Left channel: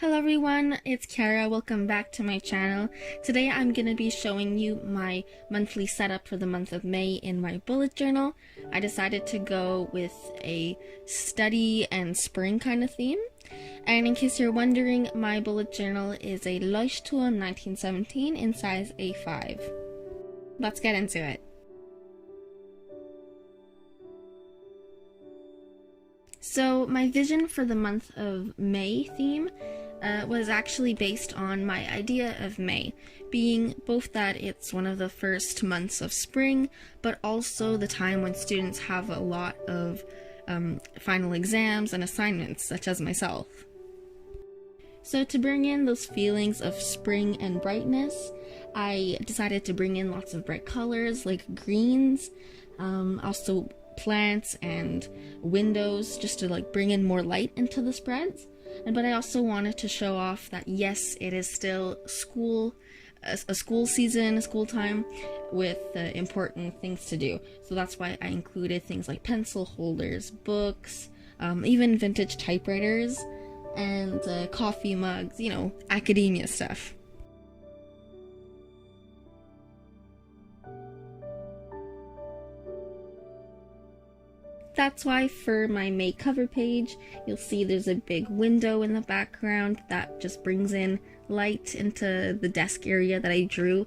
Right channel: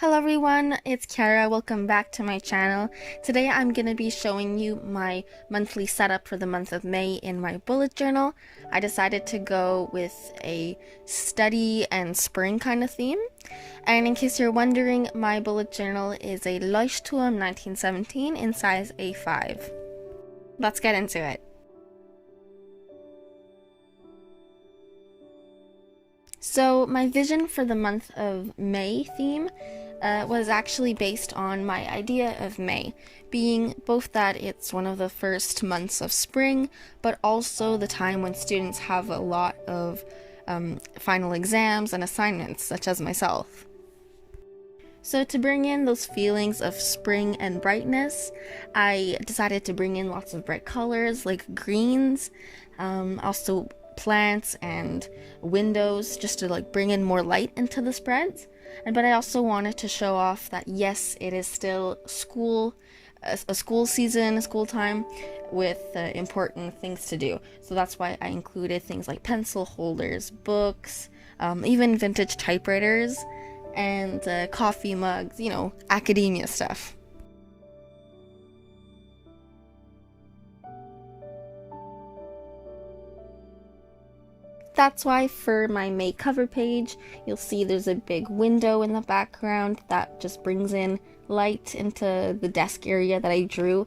Hello everyone, it's Kiara. Welcome back to my channel. Today I'm going to be showing you my monthly setup for the month of May in my bullet journal. I decided to go with a study and spring kind of theme. And in case you're wondering, my bullet journal is a Leuchtturm 1917 in size A5. Let's get into it. So my vision for the month of May theme was actually based on my idea of May, being both that it's one of the first months of spring, but also the time when students have a lot of final exams and assignments, such as myself. So to bring in those feelings of spring and brightness, I decided to bring in lots of bright colors like greens, also plants and windows, just to bring in more light into the spreads. But I also wanted to show off that yes, it is still a school season, a school time with important things to do. So that's why I included things like pencil holders, books, even vintage typewriters, and coffee mugs, academia stuff. That's why for my May cover page, you'll see there's a big window in the background that just brings in light into the desk area that I drew,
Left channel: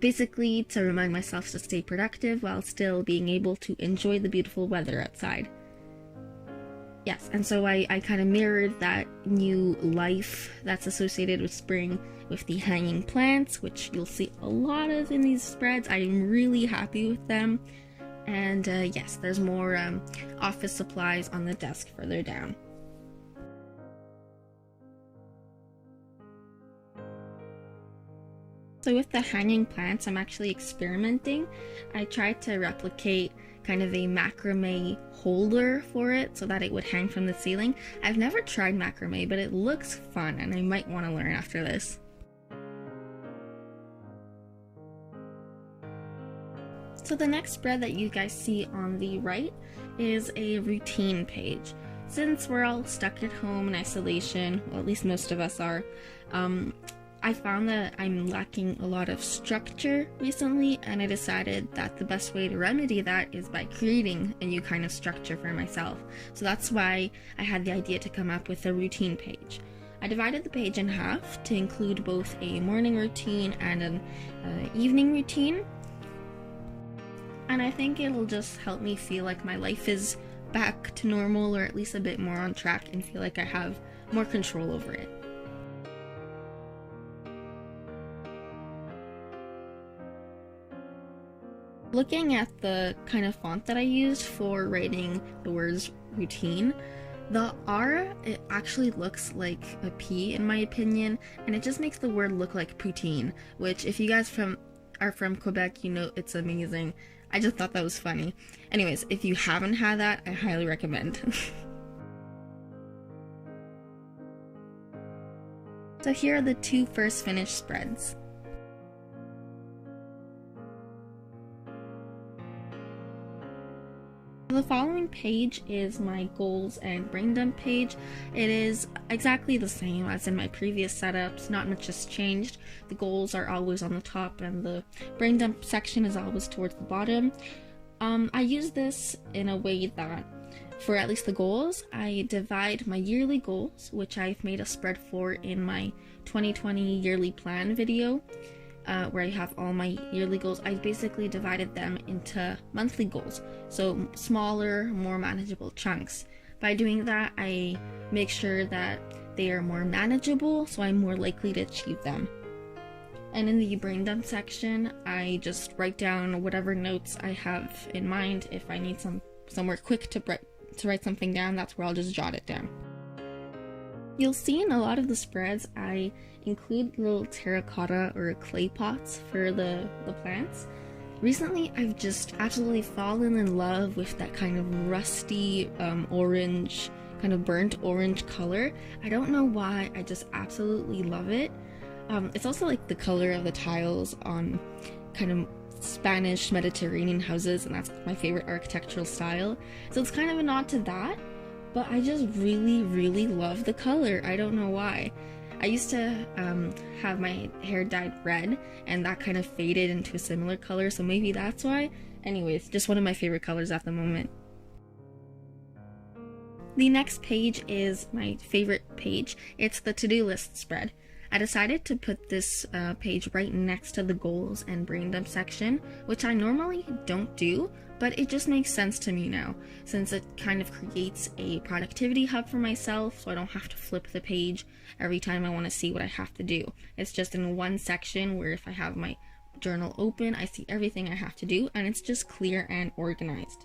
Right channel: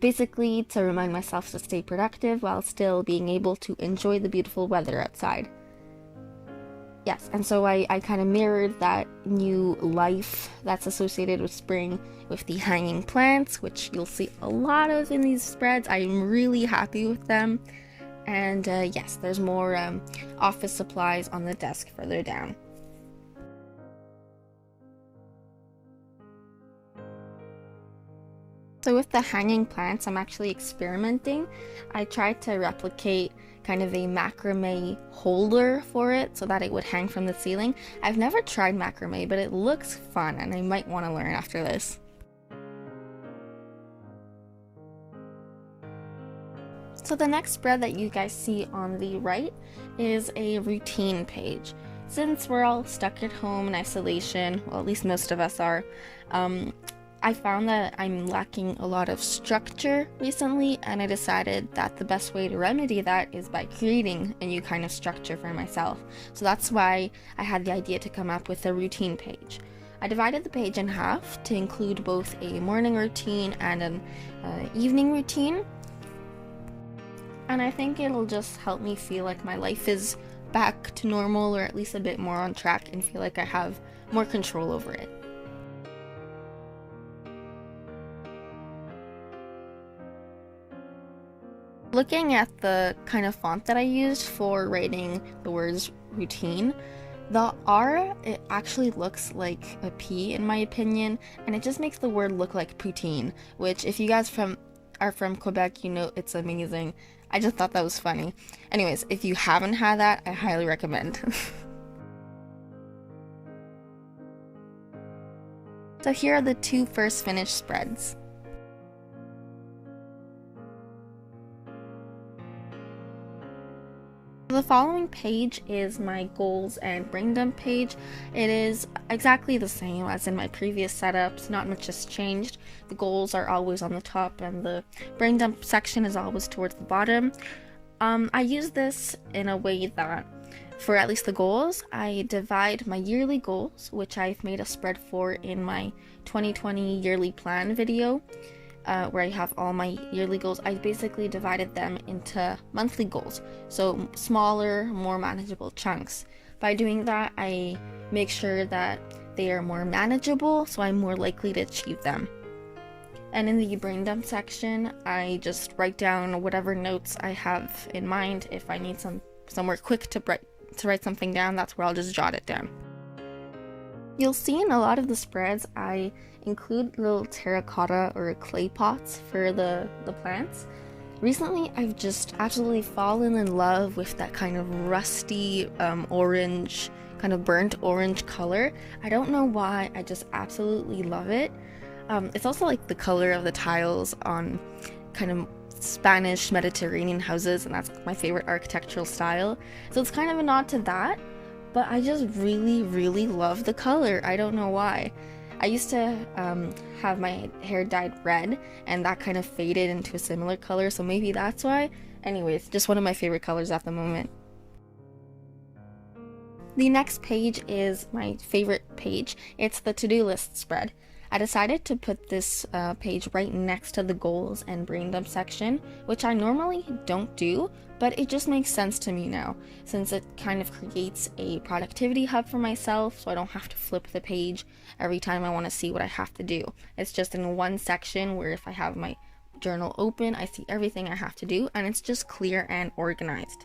basically to remind myself to stay productive while still being able to enjoy the beautiful weather outside. Yes, and so I kind of mirrored that new life that's associated with spring with the hanging plants, which you'll see a lot of in these spreads. I'm really happy with them. And yes, there's more office supplies on the desk further down. So with the hanging plants, I'm actually experimenting. I tried to replicate kind of a macrame holder for it so that it would hang from the ceiling. I've never tried macrame, but it looks fun and I might want to learn after this. So the next spread that you guys see on the right is a routine page. Since we're all stuck at home in isolation, well, at least most of us are, I found that I'm lacking a lot of structure recently, and I decided that the best way to remedy that is by creating a new kind of structure for myself. So that's why I had the idea to come up with a routine page. I divided the page in half to include both a morning routine and an evening routine. And I think it'll just help me feel like my life is back to normal, or at least a bit more on track, and feel like I have more control over it. Looking at the kind of font that I used for writing the words routine, the R, it actually looks like a P in my opinion, and it just makes the word look like poutine, which if you guys are from Quebec, you know it's amazing. I just thought that was funny. Anyways, if you haven't had that, I highly recommend. So here are the two first finished spreads. The following page is my goals and brain dump page. It is exactly the same as in my previous setups, not much has changed. The goals are always on the top and the brain dump section is always towards the bottom. I use this in a way that for at least the goals, I divide my yearly goals, which I've made a spread for in my 2020 yearly plan video. Where I have all my yearly goals, I basically divided them into monthly goals, so smaller, more manageable chunks. By doing that, I make sure that they are more manageable, so I'm more likely to achieve them. And in the brain dump section, I just write down whatever notes I have in mind. If I need somewhere quick to write something down, that's where I'll just jot it down. You'll see in a lot of the spreads, I include little terracotta or clay pots for the plants. Recently, I've just absolutely fallen in love with that kind of rusty orange, kind of burnt orange color. I don't know why, I just absolutely love it. It's also like the color of the tiles on kind of Spanish Mediterranean houses, and that's my favorite architectural style. So it's kind of a nod to that, but I just really love the color. I don't know why. I used to have my hair dyed red, and that kind of faded into a similar color, so maybe that's why. Anyways, just one of my favorite colors at the moment. The next page is my favorite page. It's the to-do list spread. I decided to put this page right next to the goals and brain dump section, which I normally don't do, but it just makes sense to me now, since it kind of creates a productivity hub for myself, so I don't have to flip the page every time I want to see what I have to do. It's just in one section where if I have my journal open, I see everything I have to do, and it's just clear and organized.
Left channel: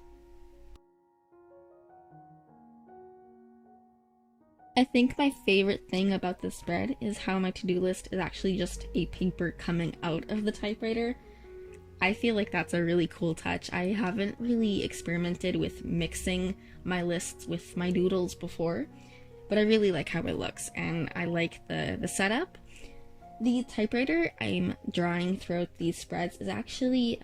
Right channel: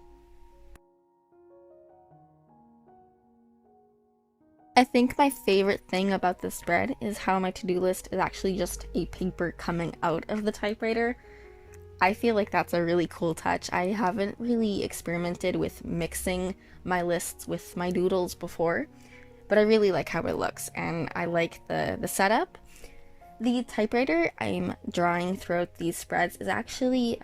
I think my favorite thing about this spread is how my to-do list is actually just a paper coming out of the typewriter. I feel like that's a really cool touch. I haven't really experimented with mixing my lists with my doodles before, but I really like how it looks, and I like the setup. The typewriter I'm drawing throughout these spreads is actually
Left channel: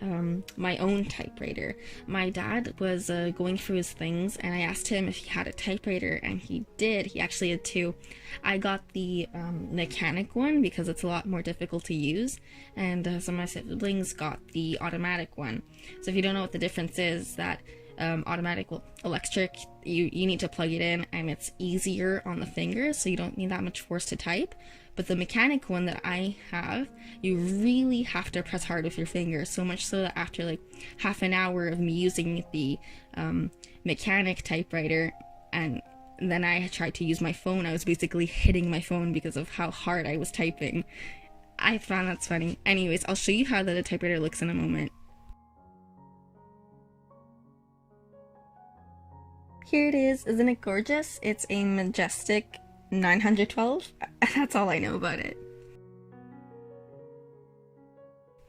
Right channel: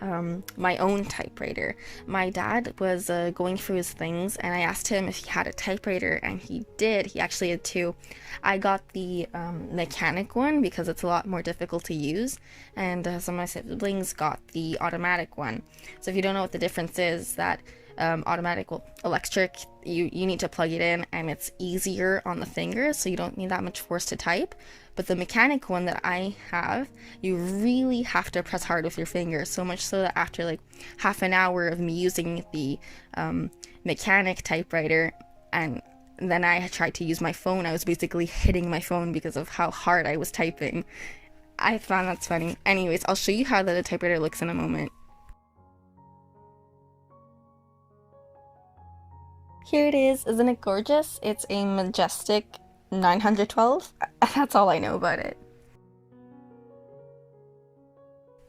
my own typewriter. My dad was going through his things, and I asked him if he had a typewriter, and he did. He actually had two. I got the mechanic one because it's a lot more difficult to use, and some of my siblings got the automatic one. So if you don't know what the difference is, that automatic, well, electric, you need to plug it in, and it's easier on the fingers, so you don't need that much force to type. But the mechanic one that I have, you really have to press hard with your fingers, so much so that after like half an hour of me using the mechanic typewriter, and then I tried to use my phone, I was basically hitting my phone because of how hard I was typing. I found that's funny. Anyways, I'll show you how the typewriter looks in a moment. Here it is. Isn't it gorgeous? It's a majestic 912. That's all I know about it.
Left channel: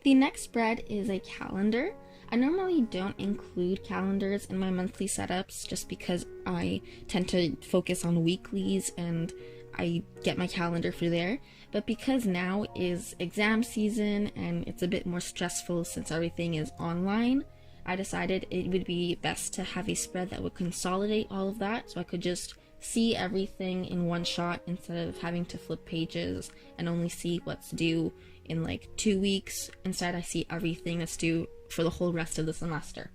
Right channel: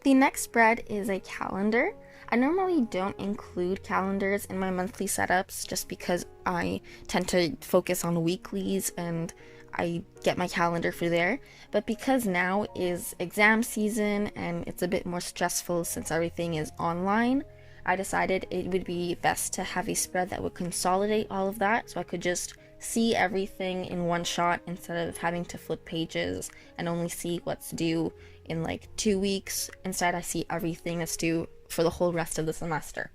The next spread is a calendar. I normally don't include calendars in my monthly setups just because I tend to focus on weeklies and I get my calendar for there. But because now is exam season and it's a bit more stressful since everything is online, I decided it would be best to have a spread that would consolidate all of that, so I could just see everything in one shot instead of having to flip pages and only see what's due in like 2 weeks. Instead, I see everything that's due for the whole rest of the semester.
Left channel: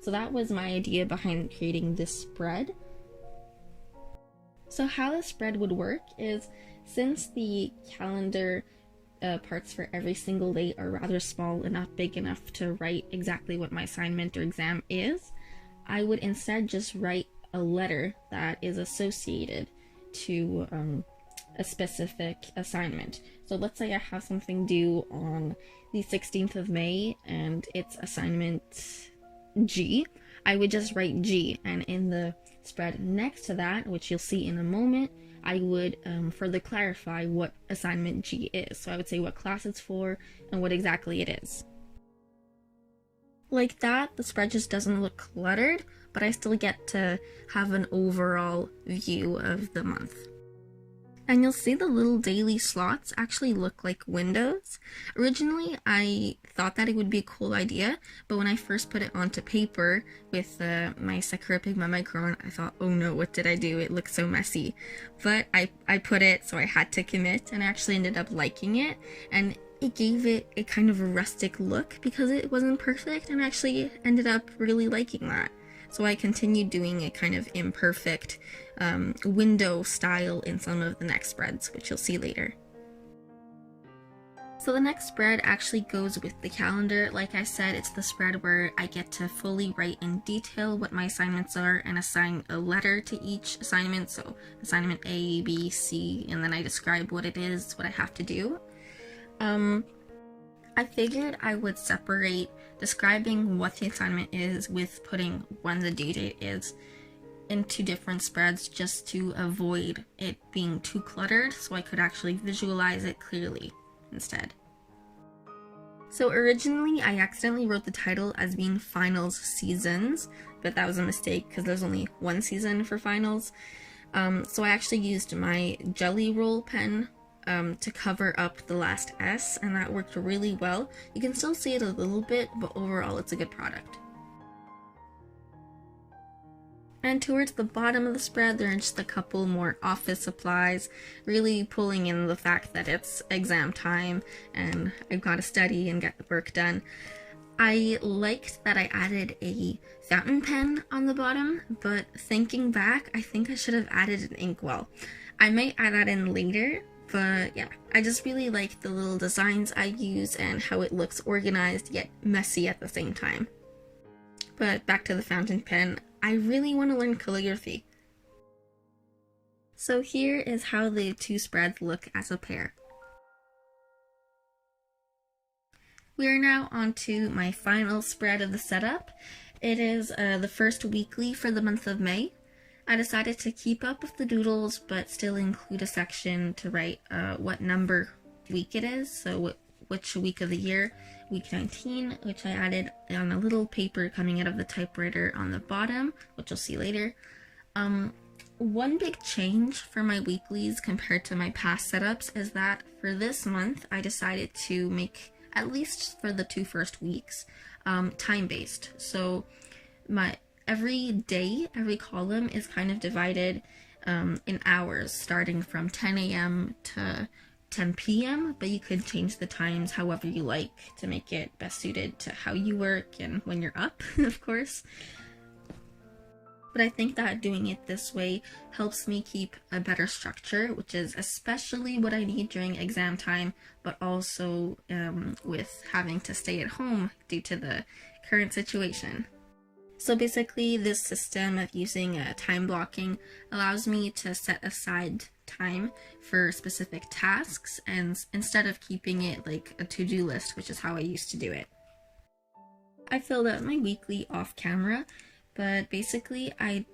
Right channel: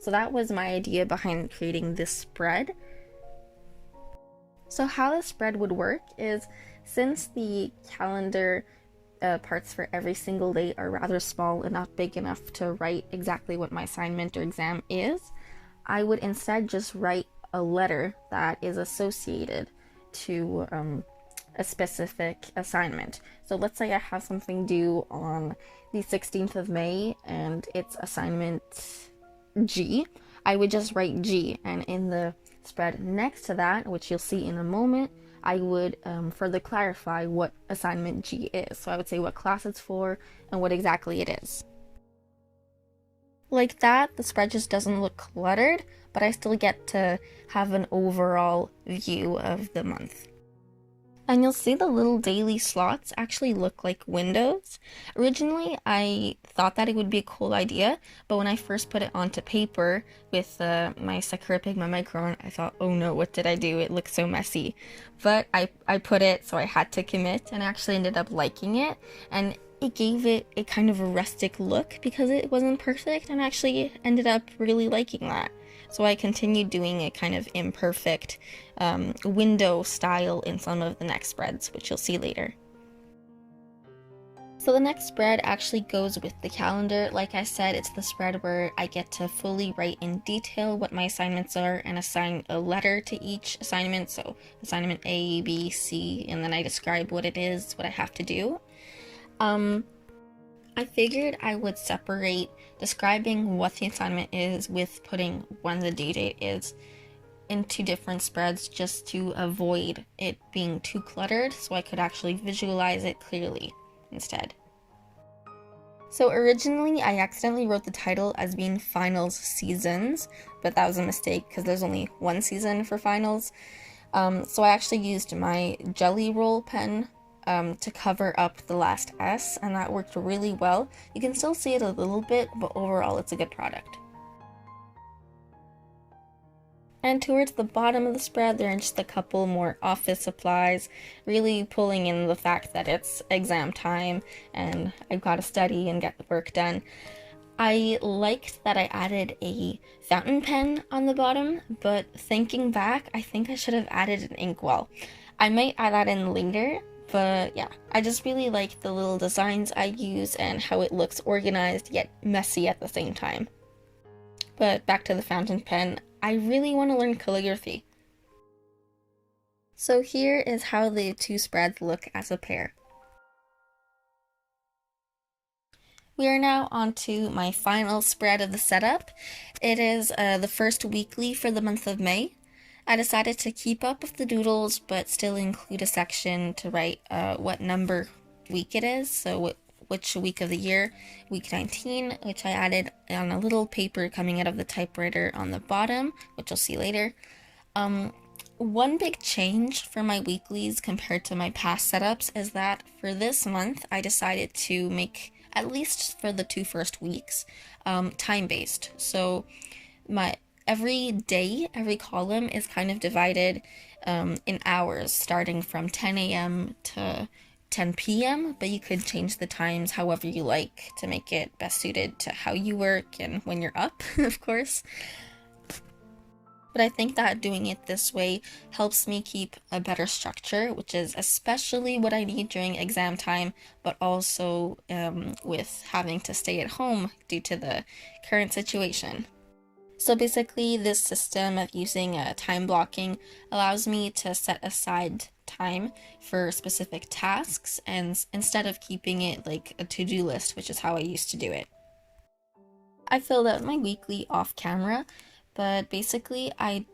So that was my idea behind creating this spread. So how the spread would work is, since the calendar parts for every single day are rather small and not big enough to write exactly what my assignment or exam is, I would instead just write a letter that is associated to a specific assignment. So let's say I have something due on the 16th of May and it's assignment G. I would just write G, and in the spread next to that, which you'll see in a moment, I would further clarify what assignment G is. So I would say what class it's for and what exactly it is. Like that, the spread just doesn't look cluttered, but I still get to have an overall view of the month. And you'll see the little daily slots actually look like windows. Originally, I thought that it would be a cool idea, but when I first put it onto paper with my Sakura Pigma Micron, I thought, oh no, what did I do? It looks so messy. But I put it, so I had to commit, and I actually ended up liking it, and it gave it a kind of a rustic look because it wasn't perfect, and I actually ended up really liking that. So I continued doing a kind of imperfect window style in some of the next spreads, which you'll see later. So the next spread actually goes with the calendar. Like I said, it's the spread where I get to fully write in detail what my assignments are and assign a letter to each assignment. So assignment A, B, C, and then I describe what it is, what I have to do. I figured I would separate describing what the assignment is with putting when the due date is into different spreads, just to avoid it being too cluttered, so I could actually visualize it clearly instead. So originally I accidentally wrote the title as being finals seasons, but that was a mistake because there's only one season for finals. So I actually used my Jelly Roll pen to cover up the last S, and that worked really well. You can still see it a little bit, but overall it's a good product. And towards the bottom of the spread, there are just a couple more office supplies, really pulling in the fact that it's exam time and I've got to study and get the work done. I liked that I added a fountain pen on the bottom, but thinking back, I think I should have added an inkwell. I might add that in later, but yeah, I just really like the little designs I use and how it looks organized yet messy at the same time. But back to the fountain pen, I really want to learn calligraphy. So here is how the two spreads look as a pair. We are now on to my final spread of the setup. It is the first weekly for the month of May. I decided to keep up with the doodles, but still include a section to write what number week it is, so which week of the year, week 19, which I added on a little paper coming out of the typewriter on the bottom, which you'll see later. One big change for my weeklies compared to my past setups is that for this month, I decided to make, at least for the two first weeks, time-based. So every day, every column is kind of divided in hours, starting from 10 a.m. to 10 p.m., but you could change the times however you like to make it best suited to how you work and when you're up, of course. But I think that doing it this way helps me keep a better structure, which is especially what I need during exam time, but also with having to stay at home due to the current situation. So basically, this system of using time blocking allows me to set aside time for specific tasks, and instead of keeping it like a to-do list, which is how I used to do it. I filled out my weekly off camera, but basically I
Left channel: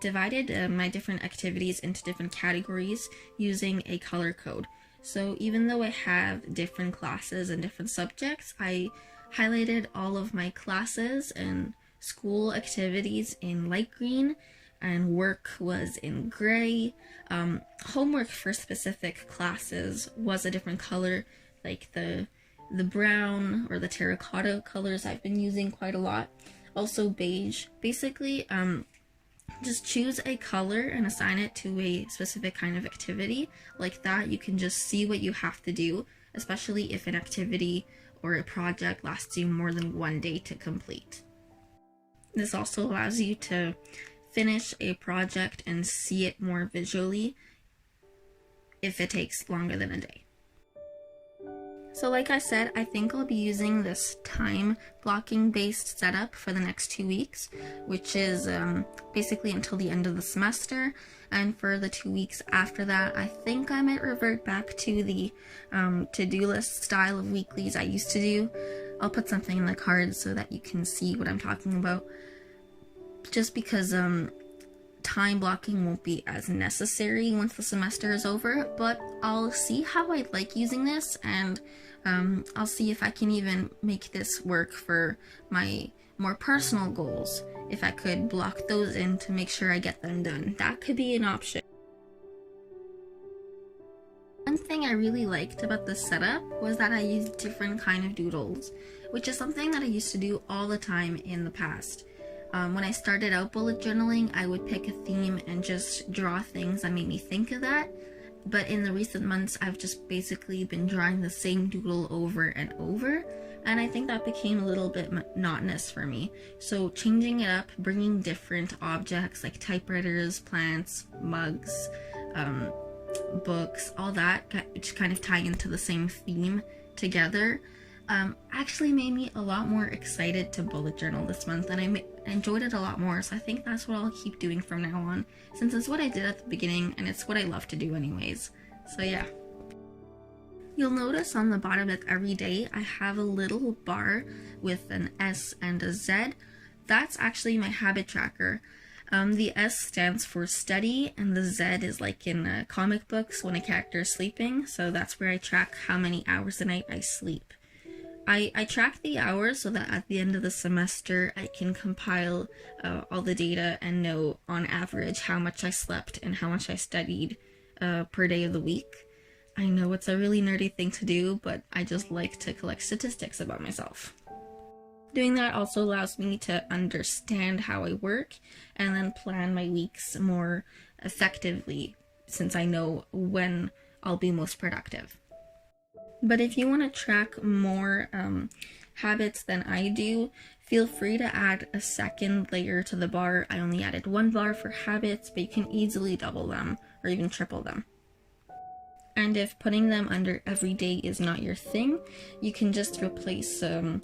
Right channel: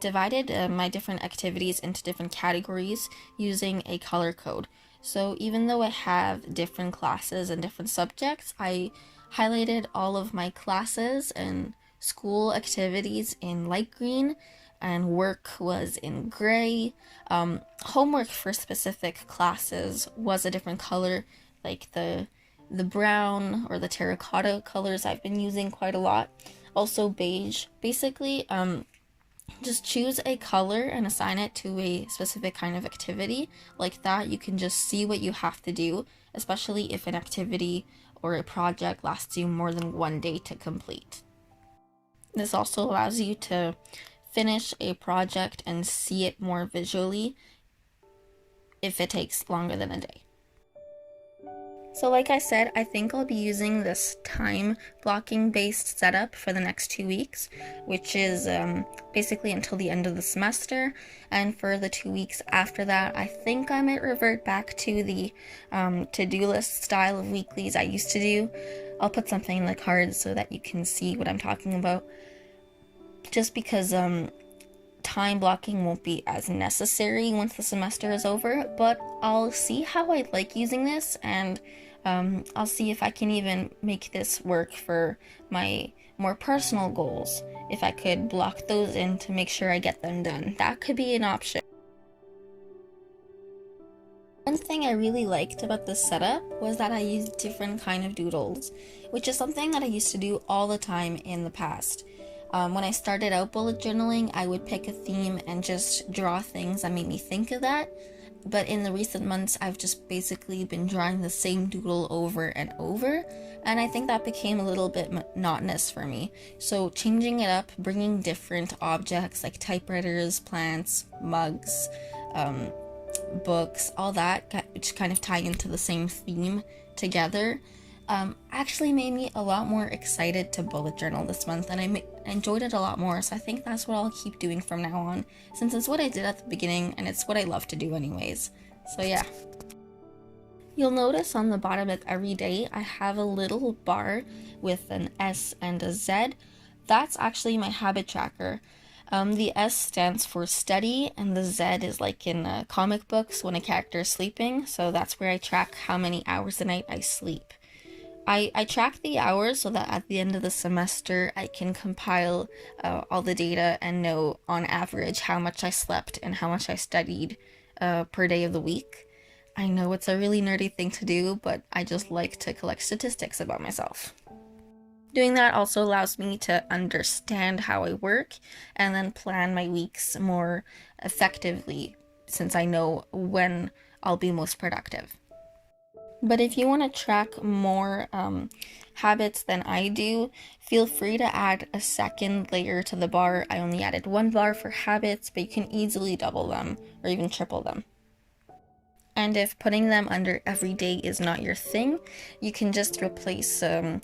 divided my different activities into different categories using a color code. So even though I have different classes and different subjects, I highlighted all of my classes and school activities in light green, and work was in gray. Homework for specific classes was a different color, like the brown or the terracotta colors I've been using quite a lot. Also beige. Basically, just choose a color and assign it to a specific kind of activity. Like that, you can just see what you have to do, especially if an activity or a project lasts you more than one day to complete. This also allows you to finish a project and see it more visually if it takes longer than a day. So like I said, I think I'll be using this time blocking based setup for the next 2 weeks, which is basically until the end of the semester. And for the 2 weeks after that, I think I might revert back to the to-do list style of weeklies I used to do. I'll put something in the cards so that you can see what I'm talking about. Just because time blocking won't be as necessary once the semester is over, but I'll see how I like using this, and I'll see if I can even make this work for my more personal goals. If I could block those in to make sure I get them done, that could be an option. One thing I really liked about this setup was that I used different kind of doodles, which is something that I used to do all the time in the past. When I started out bullet journaling, I would pick a theme and just draw things that made me think of that. But in the recent months, I've just basically been drawing the same doodle over and over, and I think that became a little bit monotonous for me. So changing it up, bringing different objects like typewriters, plants, mugs, books, all that, which kind of tie into the same theme together, actually made me a lot more excited to bullet journal this month, and I enjoyed it a lot more. So I think that's what I'll keep doing from now on, since it's what I did at the beginning and it's what I love to do anyways. So yeah. You'll notice on the bottom of every day I have a little bar with an S and a Z. That's actually my habit tracker. The S stands for study, and the Z is like in comic books when a character is sleeping, so that's where I track how many hours a night I sleep. I track the hours so that at the end of the semester I can compile all the data and know on average how much I slept and how much I studied per day of the week. I know it's a really nerdy thing to do, but I just like to collect statistics about myself. Doing that also allows me to understand how I work and then plan my weeks more effectively since I know when I'll be most productive. But if you want to track more habits than I do, feel free to add a second layer to the bar. I only added one bar for habits, but you can easily double them or even triple them. And if putting them under every day is not your thing, you can just replace an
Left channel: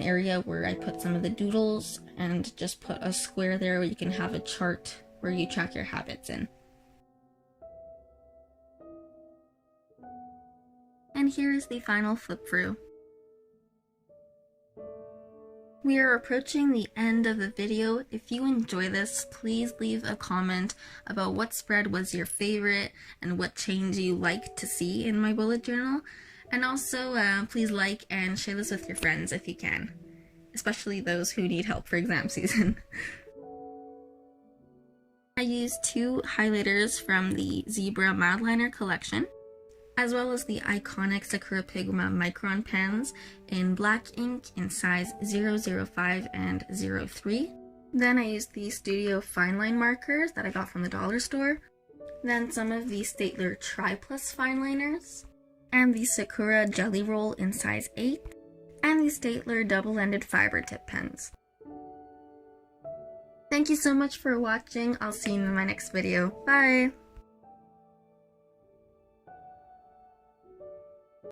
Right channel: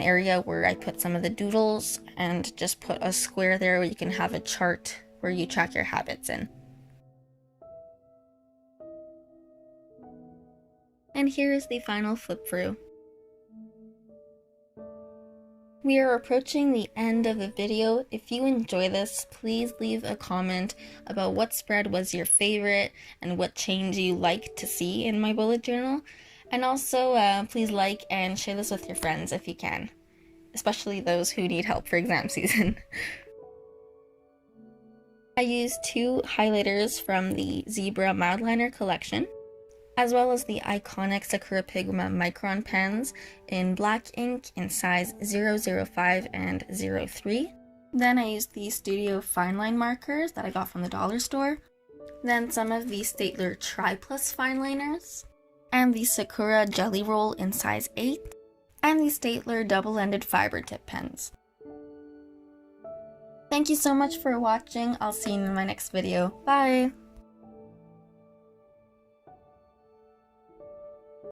area where I put some of the doodles and just put a square there where you can have a chart where you track your habits in. And here is the final flip through. We are approaching the end of the video. If you enjoy this, please leave a comment about what spread was your favorite and what change you like to see in my bullet journal. And also, please like and share this with your friends if you can, especially those who need help for exam season. I used 2 highlighters from the Zebra Mildliner collection, as well as the iconic Sakura Pigma Micron pens in black ink in size 005 and 03. Then I used the Studio Fine Line markers that I got from the dollar store. Then some of the Staedtler Tri Plus fine liners, and the Sakura Jelly Roll in size 8, and the Staedtler double-ended fiber tip pens. Thank you so much for watching. I'll see you in my next video. Bye!